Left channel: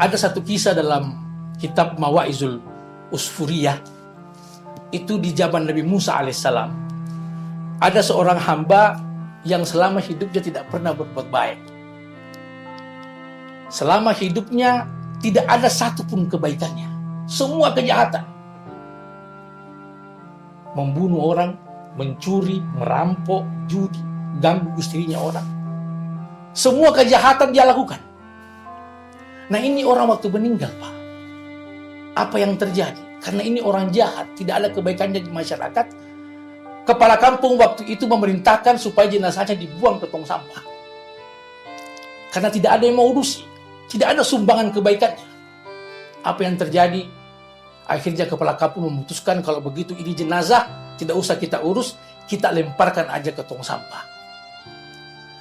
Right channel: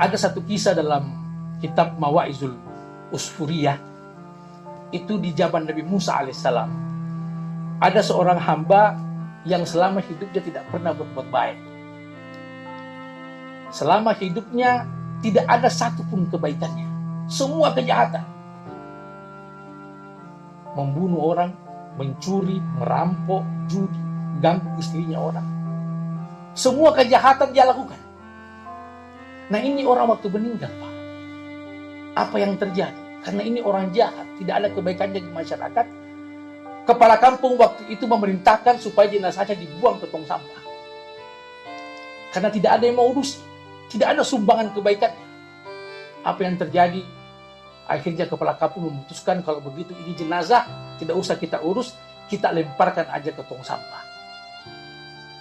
Ada satu kisah dalam kitab Mawaizul Usfuriyah, itu di zaman Nabi Musa alaihissalam. Ada seorang hamba yang selama hidupnya tidak pernah berbuat baik. Selama hidupnya tidak ada satupun kebaikannya. Semua kejahatan. Membunuh orang, mencuri, merampok, judi, ganggu istrinya orang. Semua kejahatan dia lakukan. Nah, ini orang waktu meninggal, Pak. Apa yang terjadi? Karena ini orang jahat, tidak ada kebaikannya di masyarakat. Kepala kampung waktu itu memerintahkan supaya jenazahnya dibuang ke tong sampah. Karena tidak ada yang mau urusi, tidak ada sumbangan kebaikannya. Apa yang terjadi? Akhirnya kepala kampung memutuskan kalau begitu ini jenazah tidak usah kita urus, kita lemparkan aja ke tong sampah.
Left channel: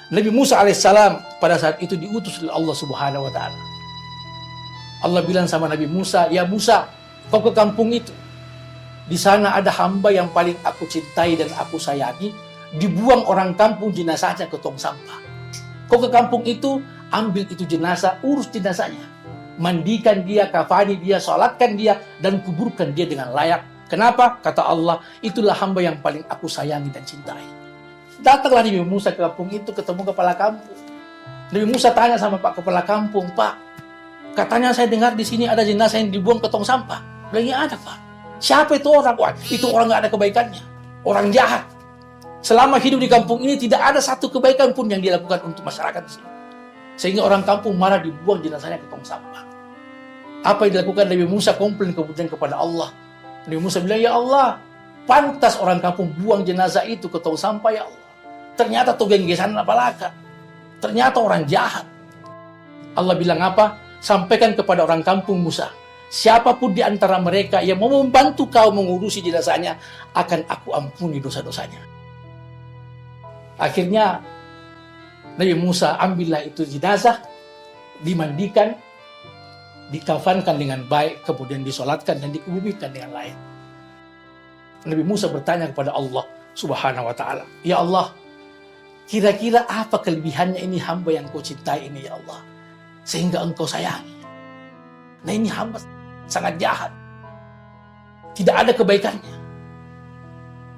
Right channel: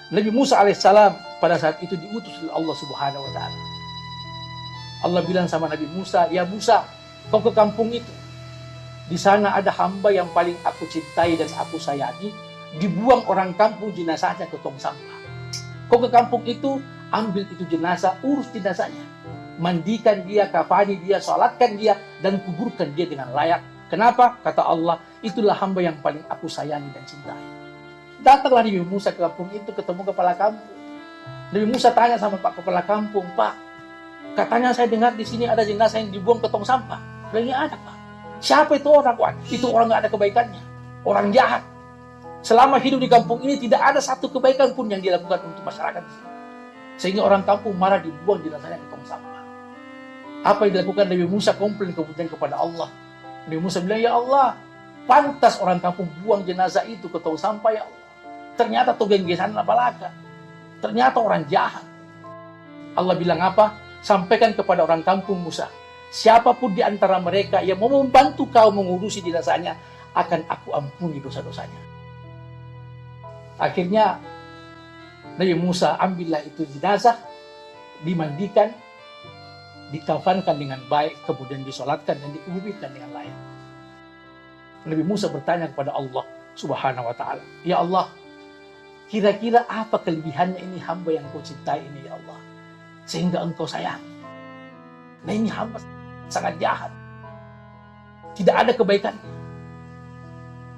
Nabi Musa alaihissalam pada saat itu diutus oleh Allah Subhanahu wa taala. Allah bilang sama Nabi Musa, "Ya Musa, kau ke kampung itu. Di sana ada hamba yang paling aku cintai dan aku sayangi, dibuang orang kampung jenazahnya ke tong sampah. Kau ke kampung itu, ambil itu jenazah, urus jenazahnya. Mandikan dia, kafani dia, salatkan dia, dan kuburkan dia dengan layak. Kenapa? Kata Allah, itulah hamba yang paling aku sayangi dan cintai." Datanglah Nabi Musa ke kampung itu, ketemu kepala kampung. Nabi Musa tanya sama Pak kepala kampung, "Pak, katanya saya dengar di sini ada jenazah yang dibuang ke tong sampah." Lagi ada, Pak. Siapa itu orang? Wah, itu orang nggak ada kebaikannya. Orang jahat. Selama hidup di kampung ini tidak ada satu kebaikan pun yang dilakukan untuk masyarakat di sini. Sehingga orang kampung marah dibuang jenazahnya ke tong sampah. Apa yang dilakukan Nabi Musa? Komplain kemudian kepada Allah. Nabi Musa bilang, "Ya Allah, pantas orang kampung buang jenazah itu ke tong sampah, ya Allah. Ternyata togenggesan apalaka. Ternyata orang jahat." Allah bilang apa? "Sampaikan kepada orang kampung Musa, siapapun di antara mereka yang mau membantu kau mengurusi jenazahnya, akan aku ampuni dosa-dosanya." Akhirnya Nabi Musa ambillah itu jenazah, dimandikan, dikafankan dengan baik, kemudian disolatkan dan dikuburkan dengan layak. Nabi Musa bertanya kepada Allah Subhanahu wa taala, "Ya Allah, kira-kira apa kelebihannya ini hamba yang kau cintai ini, ya Allah, sehingga engkau sayangi? Nah, ini hamba sangat jahat, tidak ada kebaikannya.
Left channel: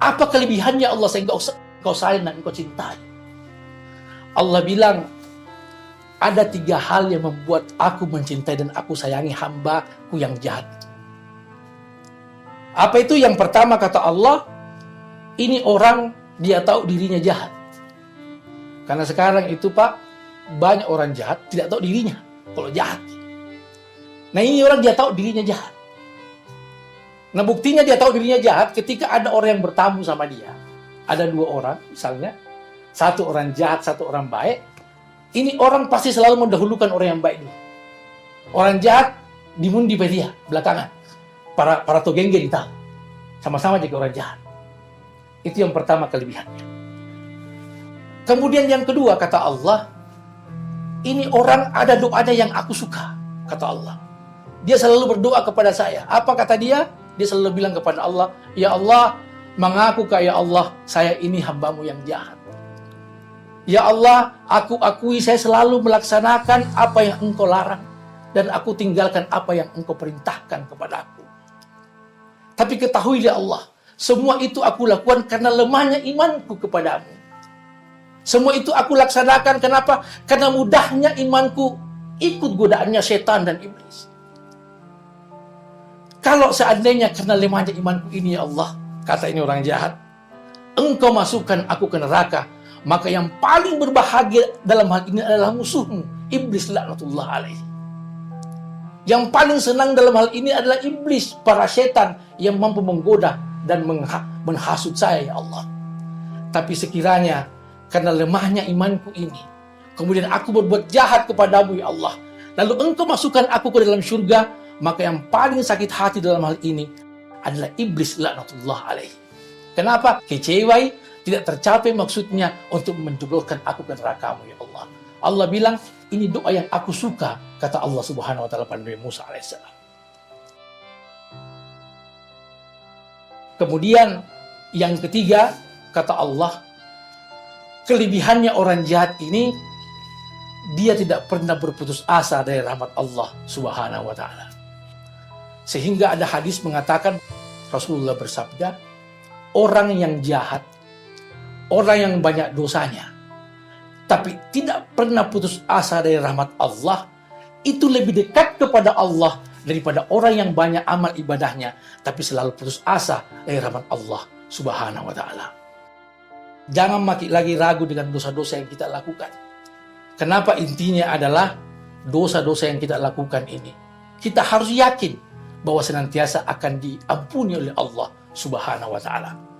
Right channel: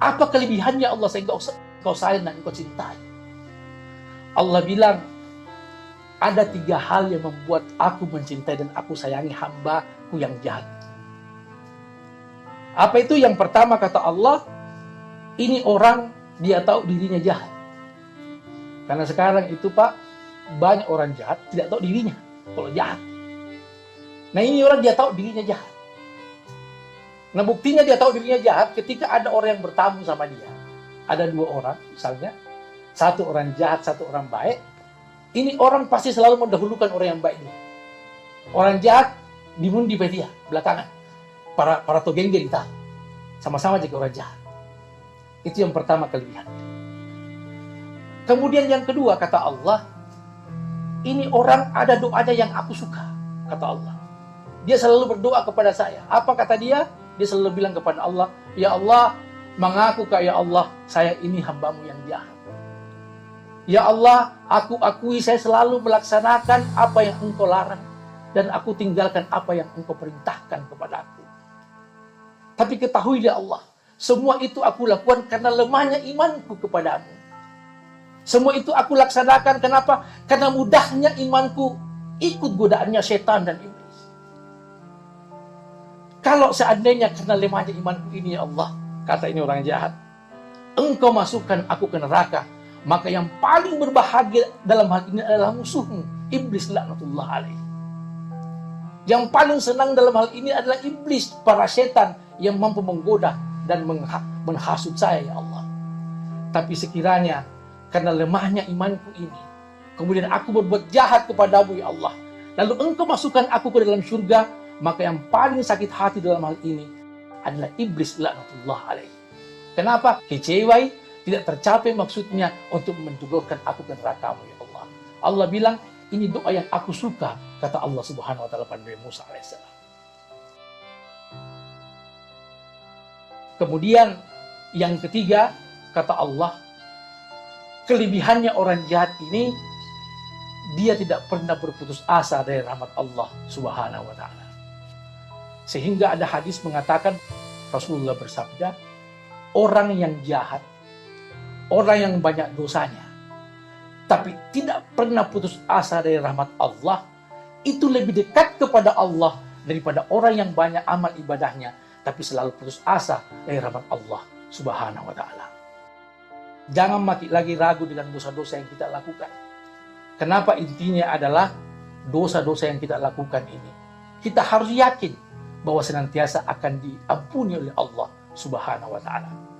Apa kelebihannya Allah sehingga engkau sayang dan engkau cintai?" Allah bilang, ada 3 hal yang membuat aku mencintai dan aku sayangi hambaku yang jahat. Apa itu? Yang pertama kata Allah, ini orang dia tahu dirinya jahat. Karena sekarang itu, Pak, banyak orang jahat tidak tahu dirinya kalau jahat. Nah, ini orang dia tahu dirinya jahat. Nah, buktinya dia tahu dirinya jahat ketika ada orang yang bertamu sama dia. Ada 2 orang misalnya, satu orang jahat, satu orang baik. Ini orang pasti selalu mendahulukan orang yang baik dulu. Orang jahat dimundi dia belakangan. Para togengge ditahu. Sama-sama jadi orang jahat. Itu yang pertama kelebihannya. Kemudian yang kedua kata Allah, ini orang ada doanya yang aku suka, kata Allah. Dia selalu berdoa kepada saya. Apa kata dia? Dia selalu bilang kepada Allah, "Ya Allah, mengakukah ya Allah, saya ini hambamu yang jahat. Ya Allah, aku akui saya selalu melaksanakan apa yang engkau larang, dan aku tinggalkan apa yang engkau perintahkan kepada aku. Tapi ketahui ya Allah, semua itu aku lakukan karena lemahnya imanku kepadamu. Semua itu aku laksanakan kenapa? Karena mudahnya imanku ikut godaannya setan dan iblis. Kalau seandainya karena lemahnya imanku ini ya Allah," kata ini orang jahat, "engkau masukkan aku ke neraka, maka yang paling berbahagia dalam hal ini adalah musuhmu, iblis laknatullah alaihi. Yang paling senang dalam hal ini adalah iblis, para setan yang mampu menggoda dan menghasut saya ya Allah. Tapi sekiranya karena lemahnya imanku ini, kemudian aku berbuat jahat kepadamu ya Allah, lalu engkau masukkan aku ke dalam surga, maka yang paling sakit hati dalam hal ini adalah iblis laknatullah alaihi. Kenapa? Kecewa, tidak tercapai maksudnya untuk menjebloskan aku ke neraka-Mu ya Allah." Allah bilang, ini doa yang aku suka, kata Allah Subhanahu wa taala pada Nabi Musa alaihissalam. Kemudian yang ketiga, kata Allah, kelebihannya orang jahat ini, dia tidak pernah berputus asa dari rahmat Allah Subhanahu wa taala. Sehingga ada hadis mengatakan, Rasulullah bersabda, orang yang jahat, orang yang banyak dosanya, tapi tidak pernah putus asa dari rahmat Allah, itu lebih dekat kepada Allah daripada orang yang banyak amal ibadahnya, tapi selalu putus asa dari rahmat Allah Subhanahu wa taala. Jangan lagi ragu dengan dosa-dosa yang kita lakukan. Kenapa? Intinya adalah dosa-dosa yang kita lakukan ini, kita harus yakin bahwa senantiasa akan diampuni oleh Allah Subhanahu wa taala.